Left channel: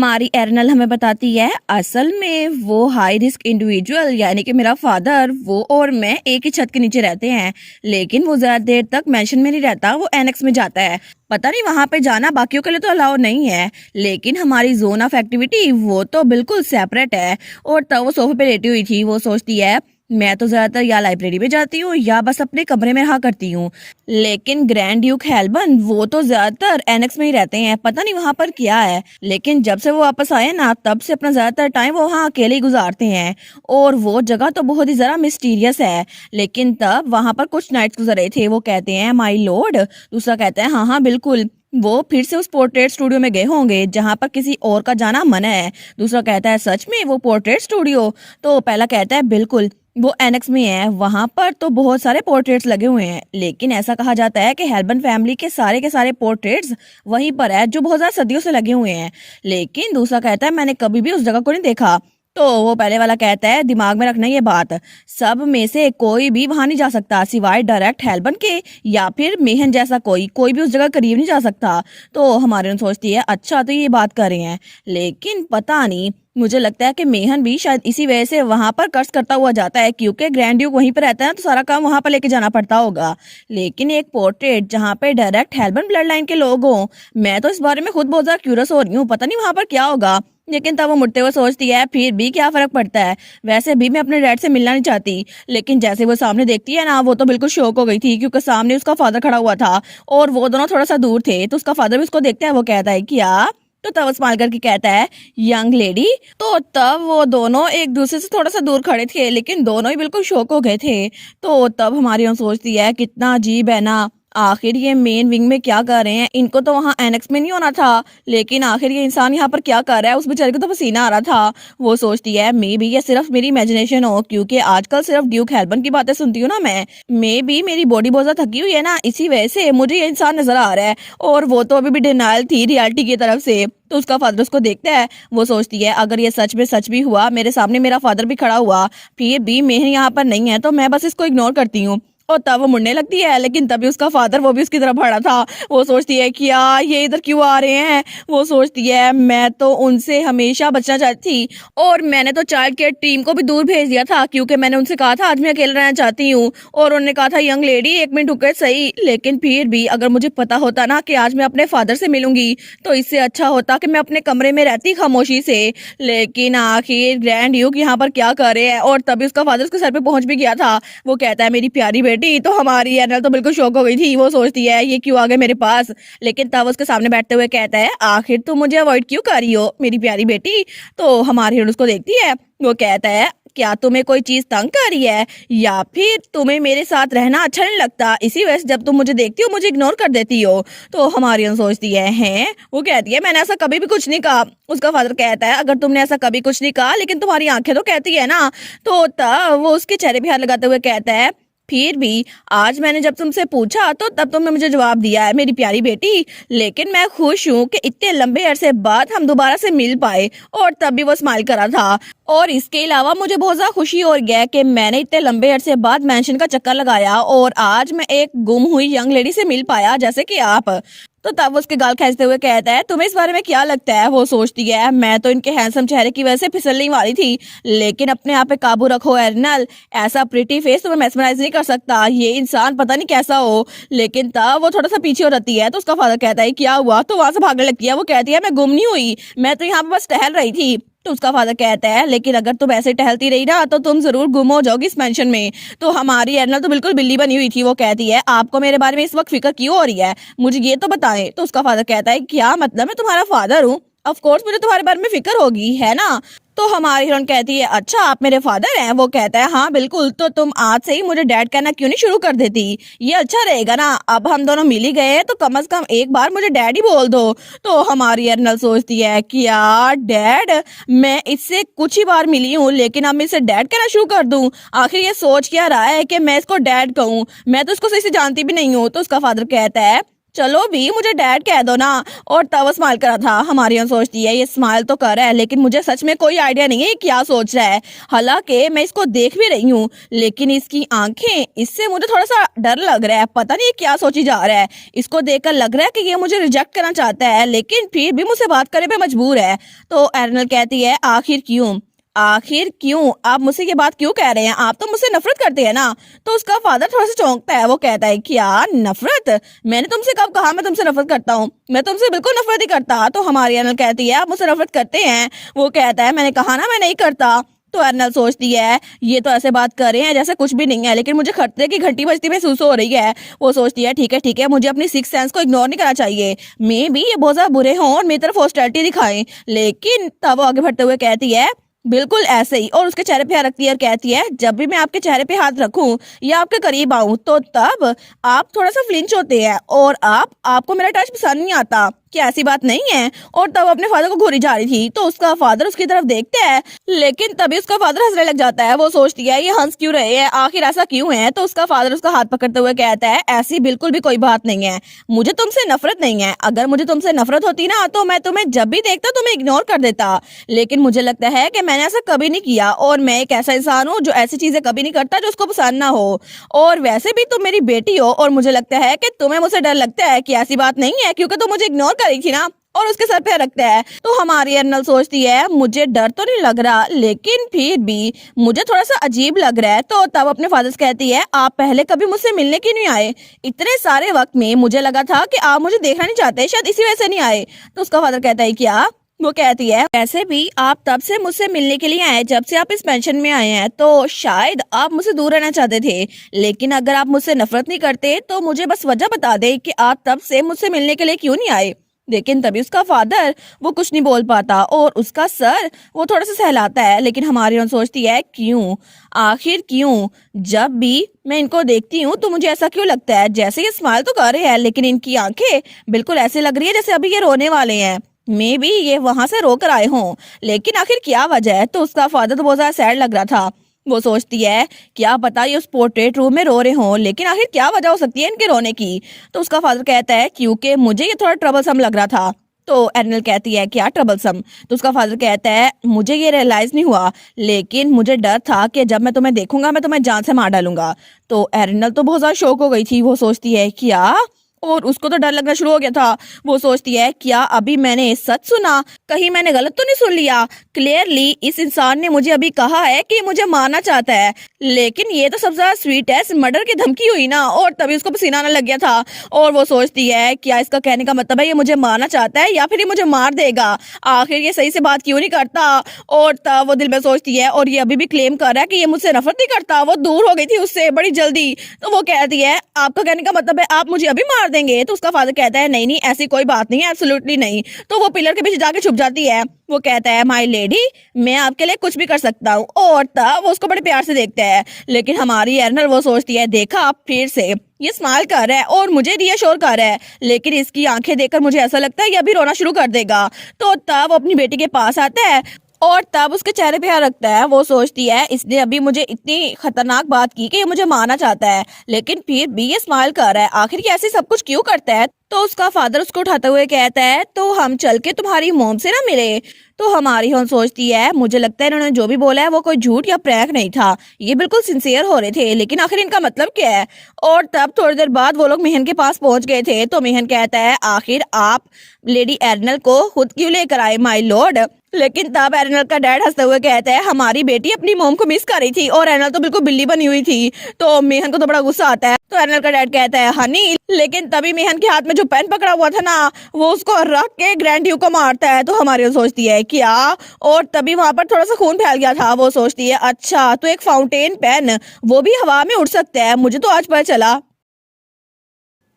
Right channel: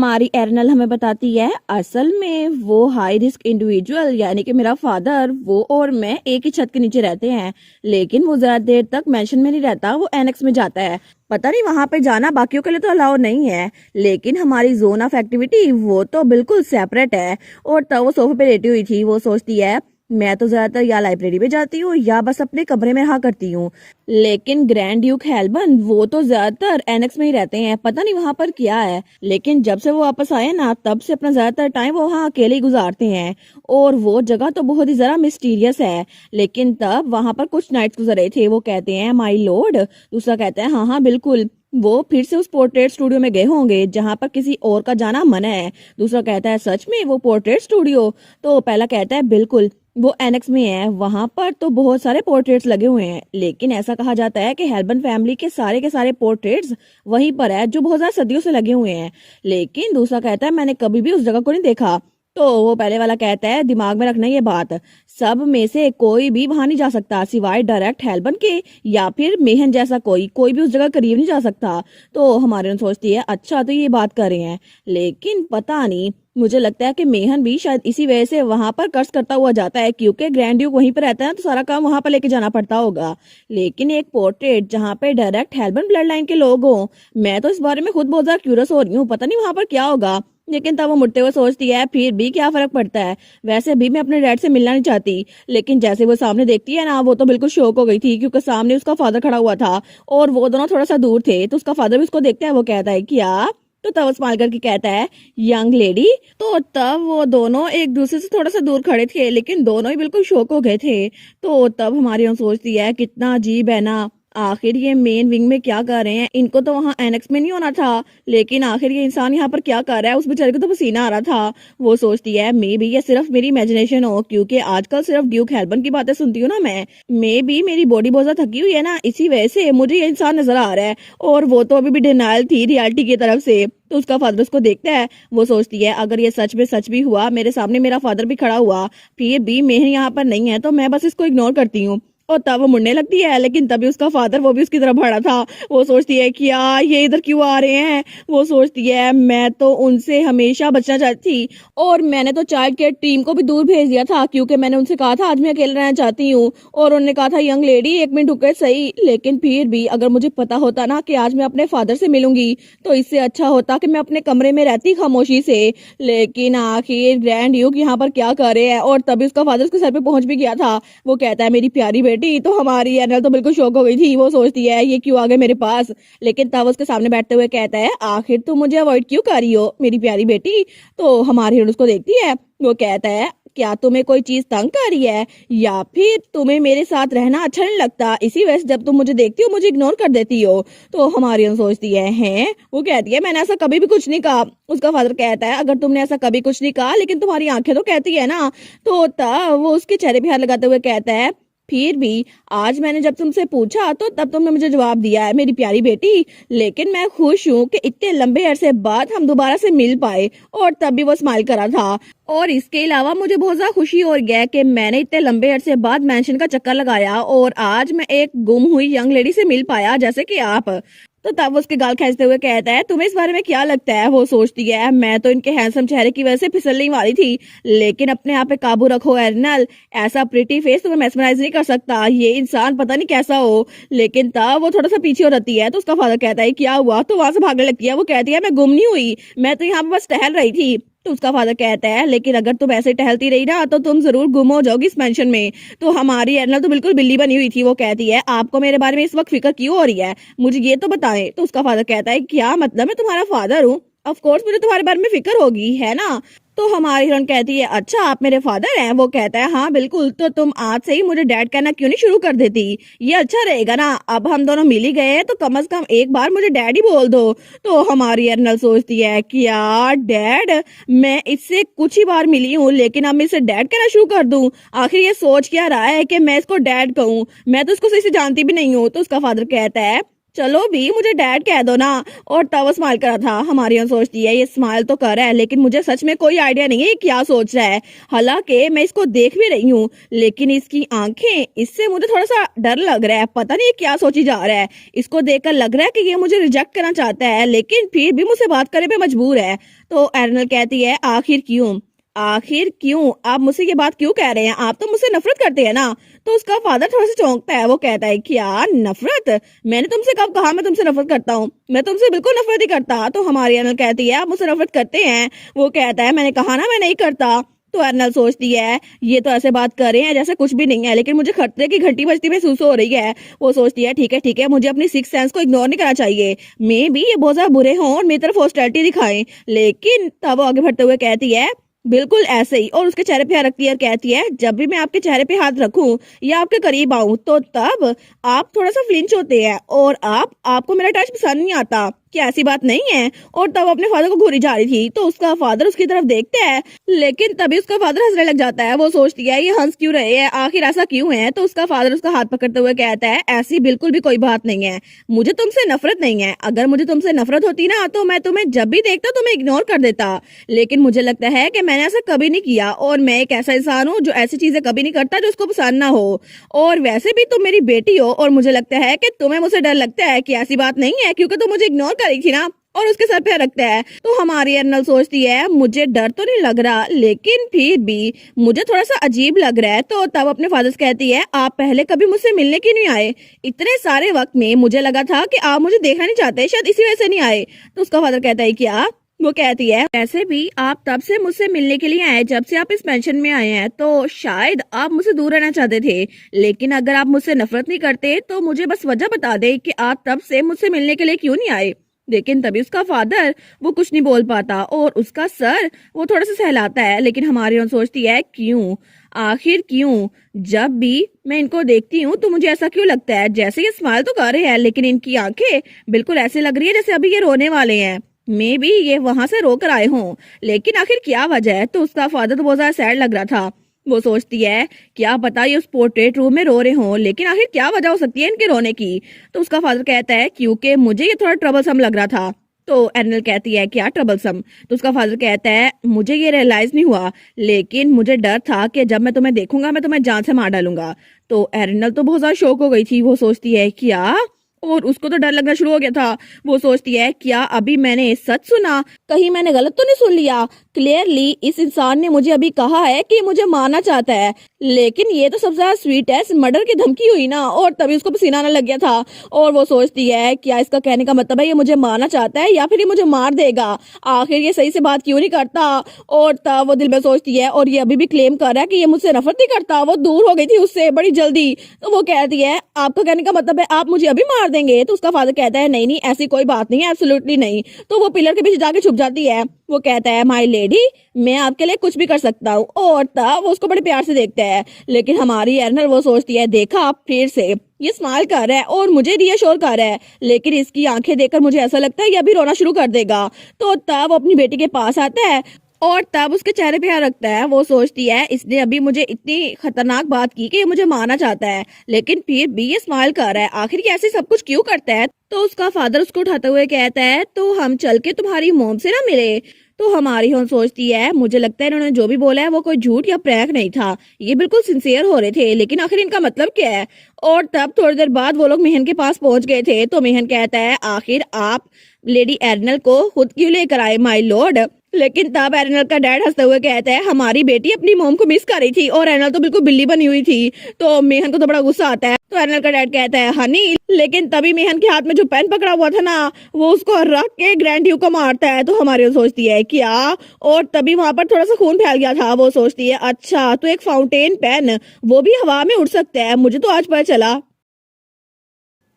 हमारी एरनल हमें बताती है असल में वो हाई रिस्क इंडिविजुअल यानी कि मेरा फादर वो और मैं एक ही छत के नीचे रहते हैं, लेकिन वो ज्यादा देर तक मेंशन में नहीं रहता, वो एनेक्स में जाता है। पता नहीं वहां पे जाना बाकियों के लिए तो अलाउ नहीं है, लेकिन हमारी जोन ऑफ एक्टिविटी वो तो बिल्कुल सेपरेट है। और तब वो सोफे पे लेटी हुई थी, वो सोचती है मैं तो ज्यादातर या लाइब्रेरी में जाती हूँ या बस अपने कमरे में रहा करती हूँ, लेकिन ग्रैंड ड्यूक हेल्बन वो तो ज्यादातर एनेक्स में ही रहते हैं। पता नहीं वहां पर क्या है, लेकिन जब से वो वापस आए ना तब से अपना ज्यादातर टाइम वो वहाँ अकेले ही गुजारते हैं। और वो जगह तो बहुत ही जरा मिस्टीरियस है। लेकिन तब वहां पर कुछ नाइट्स गुजर रहे थे, वो कहते हैं माई लॉर्ड, दूसरा कहता है हाँ हाँ बिल्कुल, वो फिर से उस पोर्ट्रेट स्टूडियो में गए होंगे जहां पर किसी और का जाना मना है। दूसरा कहता है सच में वो पोर्ट्रेट स्टूडियो? तो पहला कहता है बिल्कुल, वो एनेक्स में है, वहां पर तो बहुत सारे पोर्ट्रेट्स लगे हुए हैं, लेकिन ऐसा कहा जाता है कि हेल्बन फैमिली के सारे पोर्ट्रेट्स वहीं पर है जो बहुत ज्यादा सदियों से लगे हुए हैं। लेकिन दूसरा कहता है मैंने कभी भी उस जगह को नहीं देखा। तो वो पहले वाला कहता है दिमाग में रखना ये बात, सब में से कोई भी वहां नहीं जा सकता सिवाय डायरेक्ट हेल्बन के, या फिर मेहन जैसा कोई कोई भी उस जगह करीब नहीं जा सकता। तो हमारे सोचती है अच्छा तो ये बात कर रहे हैं, लेकिन पता नहीं, मुझे लगता है कि मेहन भी शायद इसी वजह से वहां पर कर्ज करता हुआ जाता है, क्योंकि ग्रैंड ड्यूक वहीं पर रहता है तो सारा काम वहां पर लेके जाना पड़ता होगा। लेकिन एक पोर्ट्रेट जहां पे डायरेक्ट हेल्बन ब्लड लाइन के लोग हों, मैं तो इस बारे में खुद बहुत ज्यादा क्यूरियस हो रही हूँ, पता नहीं वहां पर क्या होगा। लेकिन तब वो मुड़ते हुए सोचती है फिर भी क्या फर्क पड़ता है, वैसे भी मैं अपने डैड से मिलना नहीं चाहती। लेकिन जैसे वो सामने देखती है ना, वो तो बिल्कुल शॉक हो गई थी, क्योंकि सामने उसका फादर खड़ा हुआ था और वो दोनों थोड़ा सा दूर थे। तो उसका फादर भी उसको देखता है, वो कहता है क्या? तो तब वो स्माइल करके कहता है यंग लेडी। तो तब वो दोनों एक दूसरे से थोड़ा सा दूर खड़े थे, लेकिन दोनों ही बिल्कुल शॉक हो गए थे। तो तब हमारी हम सोचती है कितना अजीब है ना, आखिर ये मेन विंग में क्या कर रहे हैं, इनको तो वहां एनेक्स में नहीं होना था, लेकिन आखिर ये इंसान यहाँ पर क्या कर रहा है, उस बेचारे को तो पसीना आ रहा था। वो सोचती है मे बी ये सिर्फ मेरी इमेजिनेशन हो, क्योंकि आजकल सिर्फ ड्यूक हेल्बन की बातें सुनती हूँ ना मैं, मे बी मेरी बॉडी बहुत ज्यादा थकी हुई है ना, इसी वजह से मुझे ये इंसान नजर आ रहा है। और वो तो अभी भी डिनाइल थी रियलिटी की तरफ से। तो उसका फादर उसको देखता है, वो सोचती है अगर ये सच में सच भी हुआ, मेरे सामने मेरा फादर भी खड़ा हुआ, फिर भी मैं यहाँ पर नहीं है, तो मैं बस इसको इग्नोर करती हूँ। और तब वो मुड़ने लगती है, लेकिन तभी उसका फादर वो भी उसकी तरफ बढ़ा था। वो सोचती है कि यार ये इधर क्यों आ रहे हैं। वो सोचती है मैं तो उनसे हमेशा बचना चाहती थी, और मैंने तो चाइल्ड केयर टीम को भी दूर भेज दिया था, क्योंकि मैंने उनसे कहा था आज मैं अकेले रहना चाहती हूँ, और उन्होंने कहा था यंग लेडी एक मिनट रुके सही। लेकिन फिर भी अगर मुझे पता होता ना कि आज मैं अपने फादर से मिलूंगी, तो इससे अच्छा होता कि मैं अपने कमरे में रहती खामोशी से। लेकिन आखिर ग्रैंड ड्यूक यहाँ पर क्या कर रहे हैं। और तभी उसका फादर उसके सर पे पहुंच भी गया था। वो कहता है मेरी प्यारी बेटी। तो हमारी एनल तो बिल्कुल शॉक हो गई थी, वो सोचती है ये क्यों आ गए मेरे पास। लेकिन तब उसके सामने बैठते हुए कहता है आखिर तुम मुझे अवॉइड क्यों कर रही हो मेरी प्यारी बेटी। तो हमारी एनल उसको देखती है, वो कहता है क्या तुम्हें कोई चीज तंग कर रही है, या फिर तुम्हें मेरे साथ रहना अच्छा नहीं लगता, इसी वजह से जब तुम मुझे देखती हो मुझे इग्नोर कर देती हो। तो हमारी एनल सोचती है हैं, वो कहती है मैंने ऐसा कभी भी कुछ नहीं कहा। उसका फादर कहता है अगर तुमने ऐसा कभी कुछ नहीं कहा, लेकिन तुम्हारी आंखें तो कहती है ना। तो तब वो उसके चेहरे पे हाथ लगाते हुए कहता है फिर भी आज मैंने जब तुमसे पूछा तो तब तुमने मुझे जवाब दिया है मेरी प्यारी बेटी, लेकिन मैं खुश हूँ कि इतने लंबे अरसे बाद हम दोबारा से मिल पाए। और तब भी वो स्माइल करा था। और इसके अलावा मुझे बहुत ज्यादा खुशी हो गया कि मैंने इतने लंबे अरसे बाद मेंशन का चक्कर लगाया, और आज मैं एक गुम हुई यंग लेडी से मिल पाया जैसे कि आप। तो तब उसके गाल खींचते हुए कहता है तुम्हें इस बारे में क्या लगता है। वो सोचती है मैं तो इनके हैंडसम चेहरे की वजह से फिसलने वाली थी, लेकिन अपने आप पे काबू रखो एर्नल, ऐसा प्रिटी फेस तुम्हें मेस्मराइज नहीं कर सकता, ये इंसान पता नहीं कैसा हो। लेकिन तब वो थोड़ा सा पीछे हो रहती है। तो उसका फादर कहता है क्या हुआ। तो वहां से भागने लगती है। वो कहती है मैं गुम नहीं हुई, मैं तो यहाँ पे बस टहल रही थी। तो उसका फादर कहता है लेकिन अगर तुम ऐसे टहलती रही ना तो तुम जरूर गुम हो जाओगी इस मेंशन में। तो हमारी एर्नल तो बिल्कुल बिल्ली बनी हुई थी। वो कहती है आपको मेरे बारे में इस वक्त फिक्र क्यों हो रही है, मुझे ये तो बताएं। तो उसका फादर कहता है क्या मतलब, मैं तुम्हारा फादर हूँ, ऑफ कोर्स मुझे तुम्हारे बारे में फिक्र होगी है ना। तो हमारी हिरोइन कहती है अच्छा आप मेरे फादर हैं। वो कहता है हाँ बिल्कुल, तो तुम आज से ही मुझे डैड कहना क्यों नहीं शुरू कर देती, ये अच्छा रहेगा ना। अब हम दोनों मिल ही गए हैं तो कम से कम एक बार मुझे डैड ही बोल दो। तो हमारी अर्नल सोचती है कि यार डैड, मैं इससे कुछ ही बार मिली हूँ, लेकिन अब मैं इसे डैड कहना शुरू कर दूं। आखिर ये सोच क्या रहा है कि मैं इसको डैड कहूँ, मैं तो इसको सही से जानती भी नहीं हूँ। तो उसका फादर कहता है चलो भी मुझे डैड कह दो ना। और तब वो स्माइल कर रहा था। हमारी हम सोचती है ये स्माइल तो कर रहा है लेकिन मुझे सच में कोई आइडिया नहीं है ये क्या सोच रहा है। हालांकि मैं इसको देख भी रही हूँ लेकिन इसकी आंखें, इससे मुझे थोड़ा सा डर लग रहा है। पता नहीं ये क्या सोची जा रहा है। इसको देखकर लग रहा है कि ये मुझे रिजेक्ट करना चाहता है लेकिन फिर भी मुझसे बात करने पे मजबूर है। तो एरनल कहती है आखिर क्यों, आखिर क्यों आप मुझसे ये बात क्यों कह रहे हैं, आप तो मुझसे नफरत करते हैं ना। तो उसका फादर थोड़ा सा चौंकता है। वो कहता है क्या नफरत, मैंने तुमसे कब कहा मैं तुमसे नफरत करता हूँ, मैं तुमसे बिल्कुल नफरत ही करता। तो हमारी अनल कहती है आप मुझसे नफरत करते हैं। वो कहता है मैंने कहा ना मैं नहीं करता। तो अर्नल सोचती है ये तो ऐसे बात कर रहे हैं जैसे कुछ भी नहीं है लेकिन मुझे खतरे की घंटी बजती महसूस हो रही है। वो सोचती है ठीक है मुझे अपनी सिक्स सेंस को इग्नोर नहीं करना चाहिए। मे भी ये बहुत ज्यादा बुरे हों और मेरी तरफ हॉस्टिलिटी दिखाएं। लेकिन तब वो आगे बढ़ते हुए कहती है बिल्कुल ऐसे ही, और उसके चेहरे पे हाथ रखती है और कहती है जब भी मैं आपके चेहरे पे हाथ रखूं या आपके करीब आऊं तो तब आप थोड़ा सा फ्लिंच होते हैं और आपको मेरा टच पसंद नहीं आता। क्या ऐसी बात नहीं है। और तब अपने फादर को घूरी जा रही थी तो उसका फादर उसकी तरफ देखता है लेकिन तभी उसका फादर हंसने लग जाता है। वो सोचती है ये हंस क्यों रहे हैं, आखिर ऐसा क्यों है। तो उसका फादर उसका हाथ पकड़ते हुए कहता है ऐसी बिल्कुल भी कोई बात नहीं है, मुझे तुमसे नफरत नहीं है। अगर मुझे तुमसे नफरत होती ना तो मैं तुम्हें जब भी देखता तुम्हें इग्नोर कर देता। लेकिन मुझे लगता है कि मैंने ऐसा कभी नहीं किया और मैं एक ऐसा इंसान हूँ जो ऐसी चीजें कभी नहीं करता जो उसको पसंद ना हो। और वैसे भी तुम मेरी बेटी हो और मुझे लगता है कि तुम्हें मुझसे डर लगता है कि ऐसी बात नहीं है क्योंकि तुम मुझे इग्नोर करी थी ना। और उसके सर पे रखता है। तो हमारी अर्नल सोचती है मुझे डर तो नहीं लग रहा लेकिन फिर भी मुझे थोड़ा सा अजीब लग रहा है। तो तब अपने फादर से कहती है आप पहले कभी मुझसे मिलने क्यों नहीं आए, इतने सारे वक्त में मुझे लगा था कि आप मुझे देखना नहीं चाहते, शायद इसी वजह से नहीं आए। तो उसका फादर कहता है क्या। वो कहती है वैसे भी आप तब से मुझसे मिलने के लिए आए जब से आप इस पेंशन में आए हैं तो शायद आप मुझसे दूर रहना चाहते थे। लेकिन अगर आप मुझसे नफरत नहीं करते तो मुझे बस वजह बता दे कि आप तब से मुझसे मिलने के लिए क्यों नहीं आए। लेकिन तभी उसका फादर वो कुछ नहीं बोल पाता और उसका सर वो थोड़ा सा सहलाता है। लेकिन हमारी ओन सोचती है क्यों, आखिर क्यों, जब भी मैं इनको देखती हूँ तो मुझे ऐसा क्यों लगता है जैसे ये स्माइल तो कर रहे हैं लेकिन इनकी आंखें बिल्कुल ऐसे लग रही है जैसे अभी ये रोने वाले हैं। मे बी ये वहां से रोकर आए हों लेकिन आखिर क्या वजह है। तो उसका फादर तो बहुत ज्यादा सैड लग रहा था। वो सोचती है क्या पता ये उस पोर्ट्रेट रूम में रो रहे हों लेकिन आखिर क्या वजह हो सकती है इनके रोने की। तो उसका फादर कहता है क्योंकि मुझे ये थोड़ा ट्रबलसम लग रहा था। तो एर्नल कहती है क्या ट्रबलसम। तो उसका फादर कहता है मुझे ये रियलाइज नहीं हुआ लेकिन मुझे डर था कि जब मैं तुम्हें देखूंगा मैं तुम्हें जान से मार डालूंगा। तो एर्नल तो बहुत ज्यादा शौक हो गई थी। वो सोचती है क्या, और उसको तो डर लगना शुरू हो गया था। वो सोचती है क्या अभी मैंने सच सुना, कहीं मैंने गलत तो नहीं सुन लिया। क्लियरली इस इंसान ने मुझे अभी कहा है कि मुझे मारना चाहता है लेकिन ये तो सबसे ज्यादा स्वीट है, मर्डर की धमकी हुई ना। और तभी उसको पसीना आने लग गया था। और वो सोचती है क्या इसका कहने का मतलब है ये मुझे मारना चाहता है या फिर ये मुझे मार देगा, आखिर ये सही से बात क्यों नहीं करता। और तब वो दिल में सोचती है और ये अभी भी क्लेम कर रहा है कि ये मुझसे नफरत नहीं करता, वो दूर हो गई थी उससे बड़ी जल्दी। तो वो कहती है आपका कहने का मतलब है आप मुझे अभी मार देंगे। तो उसका फादर कहता है नहीं नहीं ऐसी कोई बात नहीं है, एब्सोल्युटली नहीं। तो वो पिलर के पीछे जाके छुप जाती है। वो कहता है माय लेडी मैं आपके लिए कुछ भी कर सकता हूँ। और तब वो उसको बड़े प्यार से देखता है। लेकिन हमारी एर्नल वो सोचती है देखा आप फिर से ये स्माइल कर रहा है और मुझे रियश्योर कर रहा है लेकिन इसकी आंखें देखकर मुझे ऐसा लगता है ये अभी रोना शुरू कर देगा। तो तब वो अपनी बेटी के पास आता है और तब उसके चेहरे पे हाथ रखता है। वो सोचती है इसने अभी मुझे इतनी खतरनाक बात की कि ये मुझे मारना चाहता है लेकिन फिर भी ये स्माइल कर रहा है, आखिर ये ऐसे सब कुछ क्यों करता है। तो उसका फादर उसको उठाते हुए कहता है तो हम चल के तुम्हारी मोम से ना मिले। तो हमारी होम सोचती है मुझे लगता है इन्होंने जो भी बोला है वो कोई झूठ या प्रैंक नहीं था, ये बिल्कुल सिंसियर हो रहे थे लेकिन आखिर इनका मतलब क्या है। और तब थोड़ी देर बाद वो लोग मेहन के पास पहुंच गए थे। तो मेहन कहता है आखिर आप लेडी एर्नल को खुद क्यों लेकर आए माय लॉर्ड। लेकिन तब एर्नल का डैड हंसते हुए कहता है हमारी बेटी अपनी मोम को मिस कर रही थी और एर्नल तो बिल्कुल बिल्ली बनी हुई थी। तो मेहन को तो बड़ा गुस्सा आता है। तो एर्नल का डैड कहता है हनी, लेकिन तभी मेहन के हाथ में जो पेन पकड़ा हुआ था ना वो उसको रख के ग्रैंड ड्यू को मारता है। तो हमारी सोचती है क्या, और तभी वहां पर थोड़ा सा खून फैल गया था। वो सोचती है अच्छा तो एक फाउंटेन पेन वो भी हवा में उड़ सकता है, मुझे तो आज पता चला।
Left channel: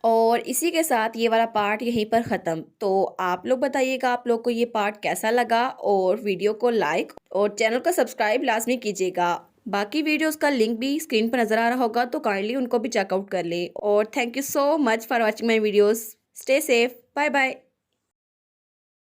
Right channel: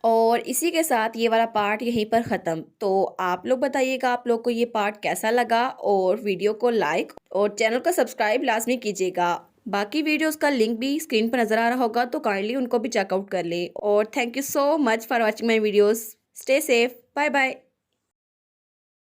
और इसी के साथ ये वाला पार्ट यहीं पर ख़त्म। तो आप लोग बताइएगा आप लोग को ये पार्ट कैसा लगा और वीडियो को लाइक और चैनल को सब्सक्राइब लाजमी कीजिएगा। बाकी वीडियोस का लिंक भी स्क्रीन पर नज़र आ रहा होगा तो काइंडली उनको भी चेकआउट कर ले। और thank you so much for watching my videos. Stay safe, bye bye.